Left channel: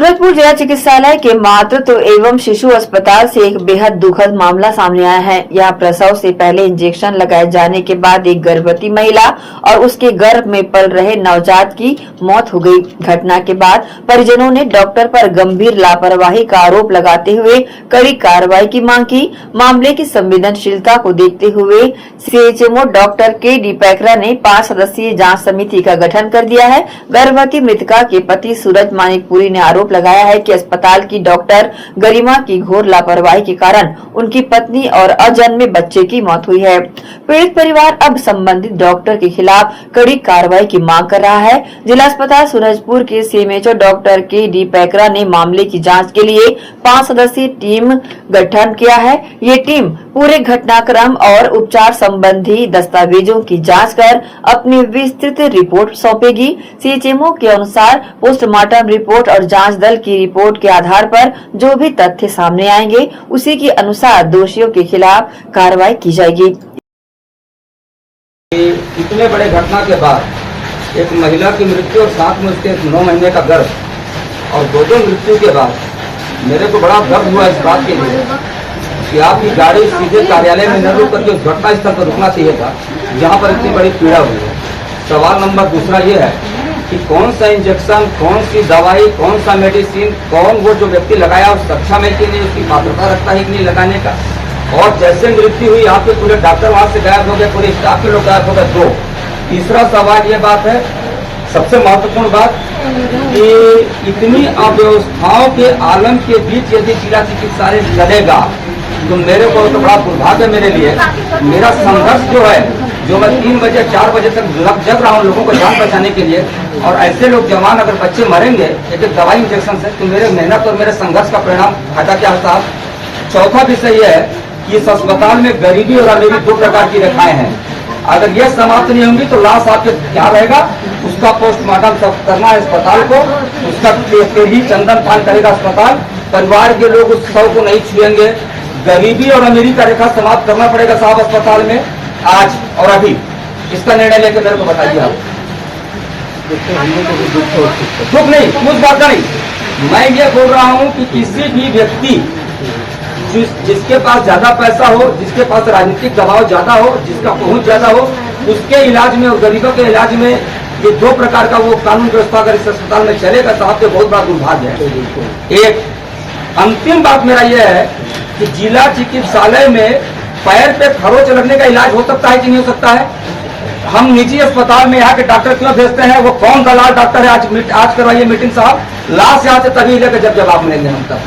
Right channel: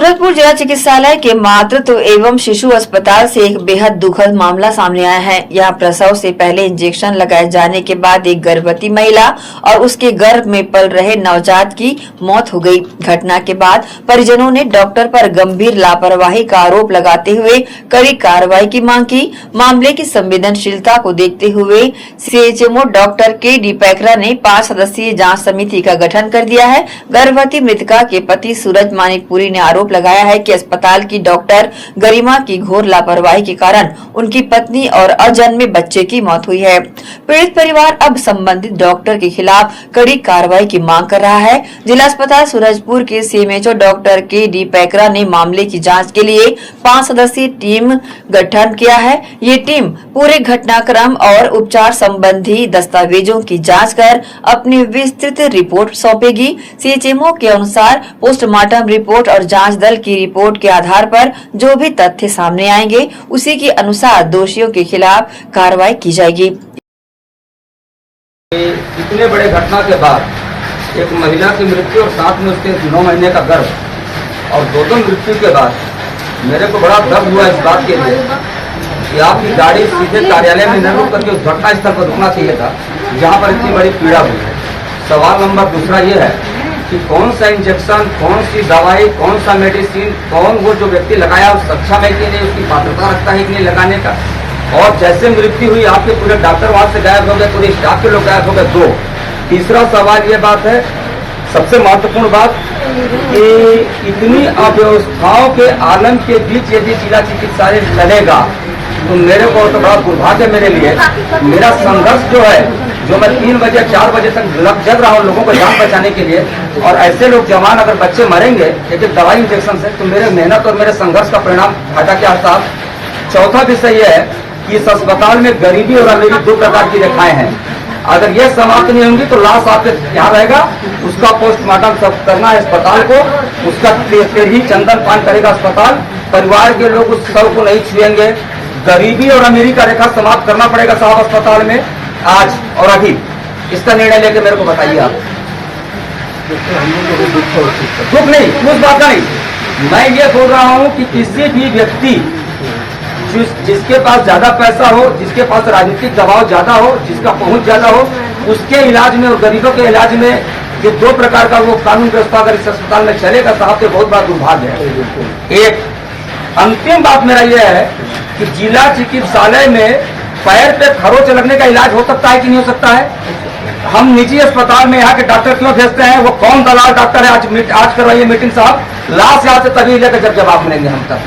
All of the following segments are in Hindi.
सूरजपुर जिला चिकित्सालय के मातृत्व एवं शिशु अस्पताल से एक बेहद दुखद मामला सामने आया है। यहाँ प्रसव से पहले इंजेक्शन लगाए जाने के बाद एक गर्भवती महिला और उसके गर्भ में पल रहे नवजात की मौत हो गई। घटना के बाद परिजनों ने डॉक्टर पर गंभीर लापरवाही का आरोप लगाते हुए कड़ी कार्रवाई की मांग की। मामले की संवेदनशीलता को देखते हुए सीएचएमओ डॉक्टर के.डी. पैकरा ने 5 सदस्यीय जाँच समिति का गठन कर दिया है। गर्भवती मृतका के पति सूरज मानिकपुरी ने आरोप लगाया है कि अस्पताल की डॉक्टर गरिमा की घोर लापरवाही के कारण उनकी पत्नी और अजन्मे बच्चे की मौत हुई है। पीड़ित परिवार अब संबंधित डॉक्टर के खिलाफ कड़ी कार्रवाई की मांग कर रहा है। जिला अस्पताल सूरजपुर के सीएमएचओ डॉक्टर के.डी. पैकरा ने मामले की जांच के लिए 5 सदस्यीय टीम गठन किया है। ये टीम पूरे घटनाक्रम और उपचार संबंधी दस्तावेजों की जाँच कर अपनी विस्तृत रिपोर्ट सौंपेगी। सीएचएमओ के अनुसार पोस्टमार्टम रिपोर्ट और जांच दल की रिपोर्ट के आधार पर जो भी तथ्य सामने आएंगे उसी के अनुसार दोषियों के खिलाफ कार्रवाई की जाएगी। इतने बड़े घटना के बाद एक महिला की मृत्यु और साथ में उसके 9 महीने का गर्भ और दो मृत्यु के बाद मेरे को बड़ा दर्द हुआ इस बात के लिए कि आपकी गाड़ी सीधे कार्यालय में न रुक करके उस घटना स्थल पर रुकना चाहिए था जहाँ पर इतनी बड़ी पीड़ा हुई है। सवाल नंबर दूसरा ये है कि कौन सा इंजेक्शन, कौन सी दवाई, कौन सा मेडिसिन, कौन वो जो व्यक्ति लगाया उस सक्षम है कि नहीं, उसकी पात्रता रखता है कि नहीं लगाने का। और जैसे मृत्यु हुई आपके पूरे डॉक्टर वहां से गायब हो गए, पूरे स्टाफ के लोग गायब हो गए। 2 तीसरा सवाल ये बात है, सबसे महत्वपूर्ण बात कि इतनी अव्यवस्थाओं के आलम के बीच यदि जिला चिकित्सालय लड़ेगा तो मेरे को तो बड़ा दुर्भाग्य मेरे लिए। मेरा संघर्ष जो है, जो मैं 3 बजे 4 बजे तक जग रहा हूँ लोगों को जान बचाने के लिए, और ऐसे लोग जवान अगर बच्चे मरेंगे एक दवाई इंजेक्शन से, तो मेरे मेहनत और मेरे संघर्ष का परिणाम फायदा क्या होता है। चौथा विषय यह है कि इस अस्पताल में गरीबी और अमीरी 2 प्रकार की रेखाएं हैं। अगर ये समाप्त नहीं होंगी तो लाश आपके क्या रहेगा, उसका पोस्टमार्टम सब करना है अस्पताल को, उसका ही चंदन पान करेगा अस्पताल। परिवार के लोग उस शव को नहीं छुएंगे। गरीबी और अमीरी का रेखा समाप्त करना पड़ेगा साहब अस्पताल में आज और अभी। इसका निर्णय लेकर मेरे को बताइए आप। दुख नहीं, उस बात का नहीं, मैं ये बोल रहा हूँ कि किसी भी व्यक्ति जिसके पास ज्यादा पैसा हो, जिसके पास राजनीतिक दबाव ज्यादा हो, जिसका पहुंच ज्यादा हो, उसके इलाज में और गरीबों के इलाज में ये 2 प्रकार का वो कानून व्यवस्था अगर इस अस्पताल में चलेगा साहब तो बहुत बड़ा दुर्भाग्य है। एक अंतिम बात मेरा यह है कि जिला चिकित्सालय में पैर पे खरोच लगने का इलाज हो सकता है कि नहीं हो सकता है। हम निजी अस्पताल में यहाँ के डॉक्टर क्यों भेजते हैं, वो कौन दलाल डॉक्टर है। आज करवाइए मीटिंग साहब, लाश यहाँ से तभी लेकर जब जवाब मिलेंगे हम तब।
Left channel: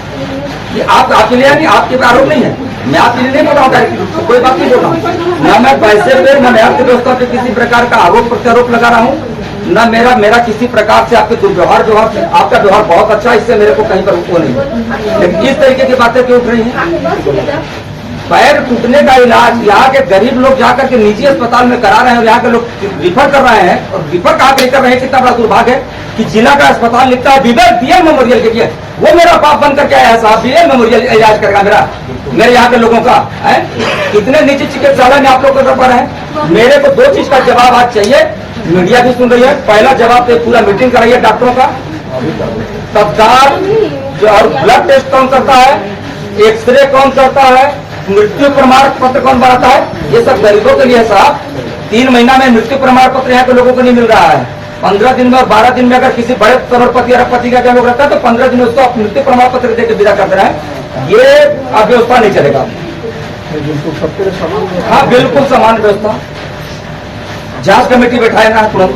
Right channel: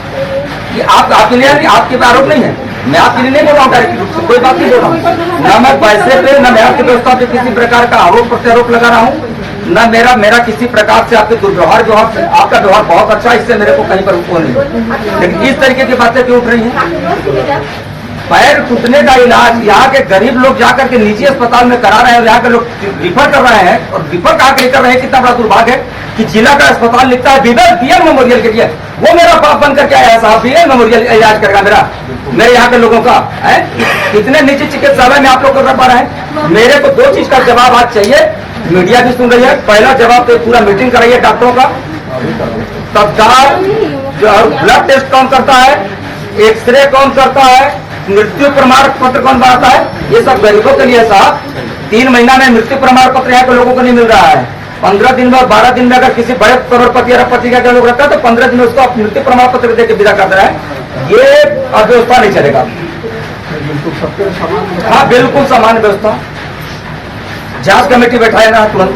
ये आपके लिए नहीं, आपके पे आरोप नहीं है, मैं आपके लिए नहीं बोल रहा हूँ डायरेक्ट रूप से, कोई बात नहीं बोल रहा हूँ। न मैं पैसे पे न मैं आपकी व्यवस्था पे किसी प्रकार का आरोप प्रत्यारोप लगा रहा हूँ, न मेरा किसी प्रकार से आपके दुर्व्यवहार जो है, आपका व्यवहार बहुत अच्छा है, इससे मेरे को कहीं पर वो नहीं। लेकिन इस तरीके की बातें क्यों उठ रही हैं। पैर टूटने का इलाज यहाँ के गरीब लोग जाकर के निजी अस्पताल में करा रहे हैं और यहाँ के लोग रिफर कर रहे हैं, और रिफर कहा कर रहे हैं। कितना बड़ा दुर्भाग्य है कि जिला का अस्पताल लिखता है बीएल मेमोरियल के लिए। वो मेरा बाप बन करके आया साहब, बीएल मेमोरियल इलाज करेगा मेरे यहाँ के लोगों का है। कितने निजी चिकित्सालय में आप लोग कर रहे हैं। मेरे को 2 चीज का जवाब आज चाहिए, मीडिया भी सुन रही है। पहला जवाब तो पूरा मीटिंग कराइए डॉक्टरों का, तत्काल ब्लड टेस्ट कौन करता है, एक्सरे कौन करता है, मृत्यु प्रमाण पत्र कौन बनाता है, ये सब गरीबों के लिए है साहब। 3 महीना में मृत्यु प्रमाण पत्र यहाँ के लोगों को नहीं मिल रहा है। 15 दिन में और 12 दिन में अगर किसी बड़े करोड़पति अरबपति का लोग रखता है तो 15 दिन में उसको मृत्यु प्रमाण पत्र देकर विदा कर रहे हैं। ये अव्यवस्था नहीं चलेगा। हाँ बिल्कुल सामान्य व्यवस्था। जांच कमेटी बैठाए ना तुरंत,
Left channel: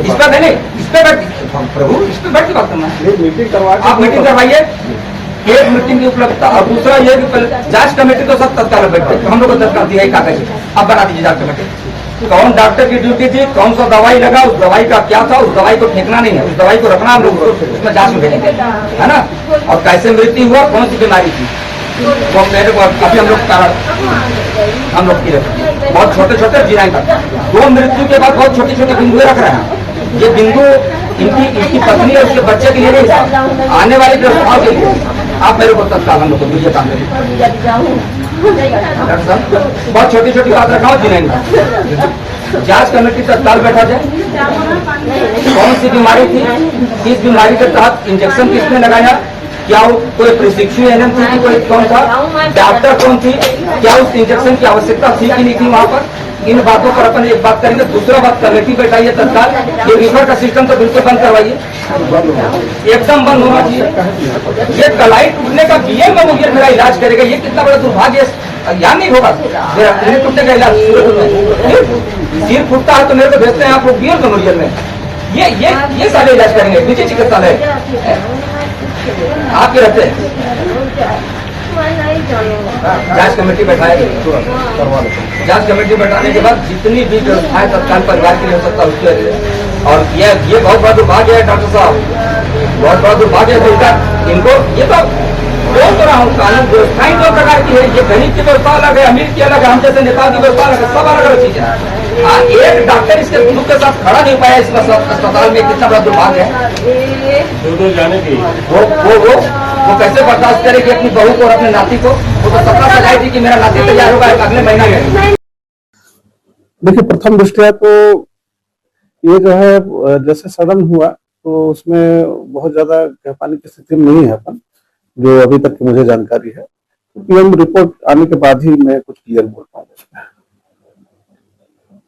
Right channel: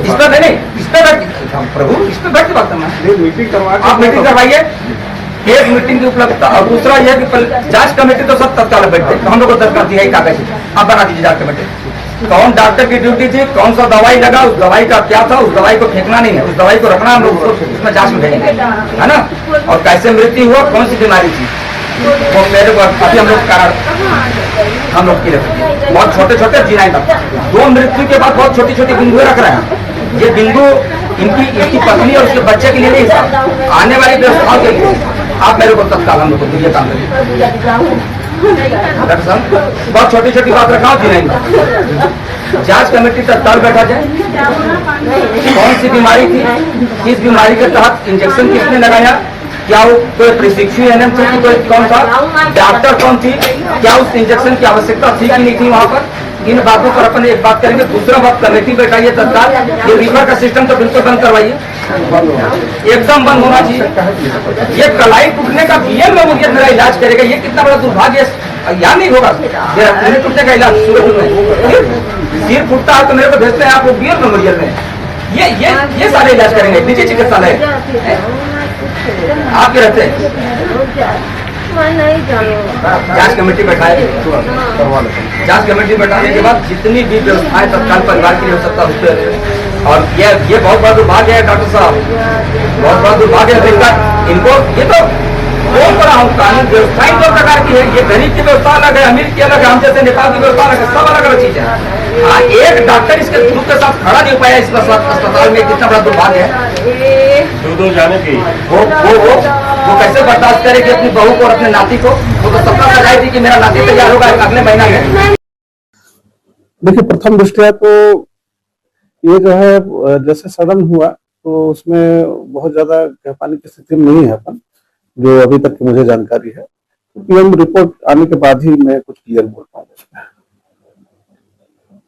इस पर नहीं, इस पर प्रभु, इस पर बैठ के बात करना है। मीटिंग करवा, आप मीटिंग करवाइए, एक मीटिंग की उपलब्धता। और दूसरा यह कि जांच कमेटी तो सब तत्काल बैठते, तो हम लोग को दरकार दिया है कागज, आप बना दीजिए जांच कमेटी। कौन डॉक्टर की ड्यूटी थी, कौन सा दवाई लगा, उस दवाई का क्या था, उस दवाई को फेंकना नहीं है, उस दवाई को रखना, हम लोग उसमें जांच में भेजेंगे, है ना। और कैसे मृत्यु हुआ, कौन सी बीमारी थी, वो मेरे को अभी हम लोग कारण हम लोग की रखते हैं। बहुत छोटे छोटे गिनाई तक 2 मृत्यु के बाद बहुत छोटी छोटी बिंदुएं रख रहे हैं। ये बिंदु इसकी पत्नी और उसके बच्चे के लिए नहीं साहब, आने वाली व्यवस्थाओं के लिए। आप मेरे को तत्काल हम लोग को ये काम करिए। बहुत छोटी छोटी बात रखा जी नहीं। जांच कमेटी तत्काल बैठा जाए, कौन सी बीमारी थी, किस बीमारी के तहत इंजेक्शन किसने लगाया, क्या वो कोई प्रशिक्षु एनएम थी कि कोई कौन था, डॉक्टर कौन थी, क्या उस इंजेक्शन की आवश्यकता थी कि नहीं थी वहां पर। इन बातों पर अपन एक बात करेंगे। दूसरा बात, कमेटी बैठाइए तत्काल, ये रिफर का सिस्टम तो बिल्कुल बंद करवाइए, एकदम बंद होना चाहिए। ये कलाई टूटने का बीएम मेमोरियल मेरा इलाज करेगा, ये कितना बड़ा दुर्भाग्य, यहाँ नहीं होगा मेरा टूटने का इलाज सूरत में। सिर फूटता है तो मेरे को भेजते हैं आप लोग बीएम मेमोरियल में, ये सारे इलाज करेंगे, निजी चिकित्सालय आपके रहते हैं। जांच कमेटी बैठाए, जांच कमेटी बैठाने के बाद जितनी भी व्यवस्थाएं तत्काल परिवार के लिए हो सकता है उसके, और ये बहुत बड़ा दुर्भाग्य है डॉक्टर साहब, बहुत बड़ा दुर्भाग्य है इनको। ये तो बोल रहा हूँ, कानून व्यवस्थाएं दो प्रकार की है, ये गरीब की व्यवस्था अलग है, अमीर की अलग है, हम जैसे नेपाल की व्यवस्था अलग है, सब अलग अलग चीज है। एक डॉक्टर इसके ग्रुप के साथ खड़ा नहीं पाया इस अस्पताल में, कितना बड़ा दुर्भाग्य है। दूर जाने की वो कैसे बर्दाश्त करे कि अपनी बहू को और अपने नाती को, वो तो सपना सजाई थी कि मेरा नाती तैयार होगा अगले महीना में। देखिए, प्रथम दृष्टया तो ये जो है जैसे सदन हुआ तो उसमें बहुत ज्यादा कह पाने की स्थिति में नहीं है अपन, जो अभी तक की मुझे जानकारी है। पीएम रिपोर्ट आने के बाद ही मैं कुछ क्लियर बोल पाऊंगा उसमें।